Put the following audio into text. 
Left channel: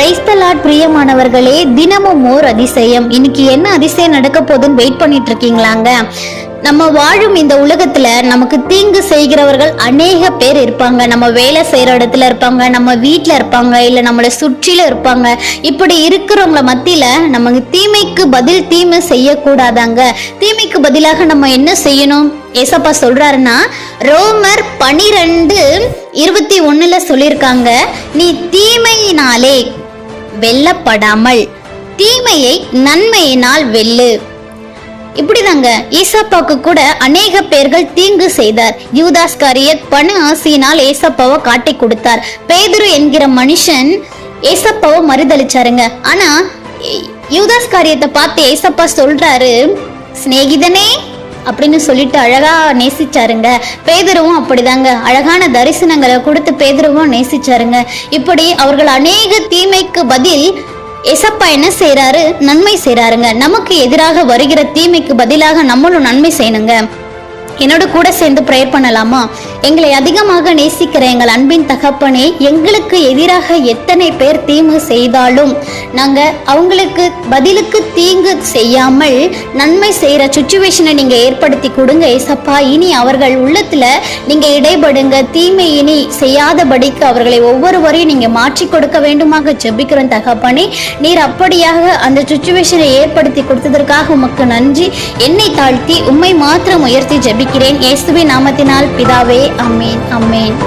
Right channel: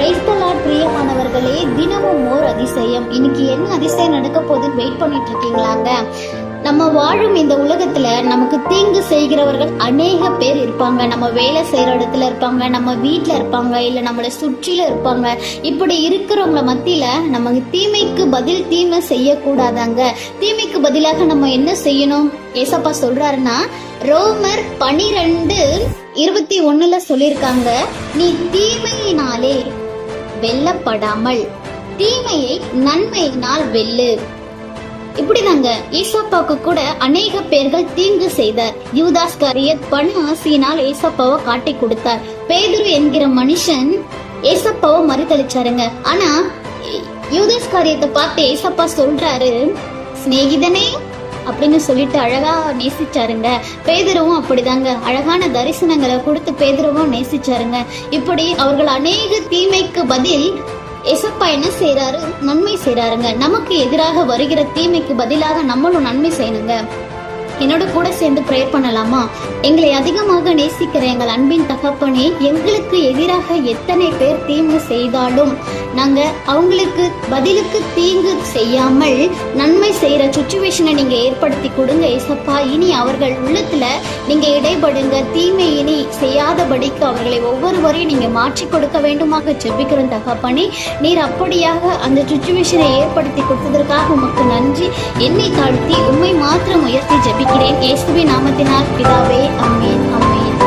Praise the Lord பிரியமானவர்களே, தினமும் ஓர் அதிசயம். இன்னைக்கு என்ன அதிசயம் நடக்க போகுதுன்னு வெயிட் பண்ணிட்டு இருக்கீங்களாங்க? நம்ம வாழும் இந்த உலகத்துல நமக்கு தீங்கு செய்கிறவர்கள் அநேக பேர் இருப்பாங்க. நம்ம வேலை செய்யற இடத்துல இருப்பாங்க, நம்ம வீட்டுல இருப்பாங்க, இல்ல நம்மளை சுற்றில இருப்பாங்க. இப்படி இருக்கிறவங்கள மத்தியில நமக்கு தீமைக்கு பதில் தீமை செய்யக்கூடாதாங்க. தீமைக்கு பதிலாக நம்ம என்ன செய்யணும்? ஏசப்பா சொல்றாருன்னா, ரோமர் 12:21 சொல்லியிருக்காங்க, நீ தீமையினாலே வெல்லப்படாமல் தீமையை நன்மையினால் வெல்லு. இப்படிதாங்க ஏசப்பாக்கு கூட அநேக பேர்கள் தீங்கு செய்தார். யூதாஸ்காரியத் பண ஆசையினால் ஏசப்பாவை காட்டி கொடுத்தார். பேதுரு என்கிற மனுஷன் ஏசப்பாவை மறுதளிச்சாருங்க. ஆனா யூதாஸ்காரியத்தை பார்த்து ஏசப்பா சொல்றாரு, சிநேகிதனே அப்படின்னு சொல்லிட்டு அழகா நேசிச்சாருங்க. பேதுருவும் அப்படிதாங்க அழகான தரிசனங்களை கொடுத்து பேதுருவும் நேசிச்சாருங்க. இப்படி அவர்கள் அநேக தீமைக்கு பதில் ஏசப்பா என்ன செய்யறாரு? நன்மை செய்யறாருங்க. நமக்கு எதிராக வருகிற தீமைக்கு பதிலாக நம்மளும் நன்மை செய்யணுங்க. என்னோட கூட சேர்ந்து ப்ரேயர் பண்ணலாமா? எங்களை அதிகமாக நேசிக்கிற எங்கள் அன்பின் தகப்பனே, எங்களுக்கு எதிராக எத்தனை பேர் தீங்கு செய்தாலும் நாங்க அவங்களுக்கு பதிலுக்கு தீங்கு செய்யாமல் நன்மை செய்யற சுச்சுவேஷனை நீங்க ஏற்படுத்தி கொடுங்க ஏசப்பா. இனி அவர்கள் உள்ளத்துல நீங்க இடைபடுங்க. தீமை இனி செய்யாதபடிக்கு அவர்களை ஒவ்வொருவரையும் நீங்க மாற்றி கொடுக்க வேண்டுமாக ஜெபிக்கிறோம் தகப்பனே. நீர் அப்படியாக அந்த சுச்சுவேஷனை ஏற்படுத்தி கொடுத்ததற்காக உமக்கு நன்றி. என்னை தாழ்த்தி உம்மை மாத்திரம் உயர்த்தி ஜெபிக்கிறேன். இயேசுவின் நாமத்தினால் பிதாவே, ஆமென், ஆமென்.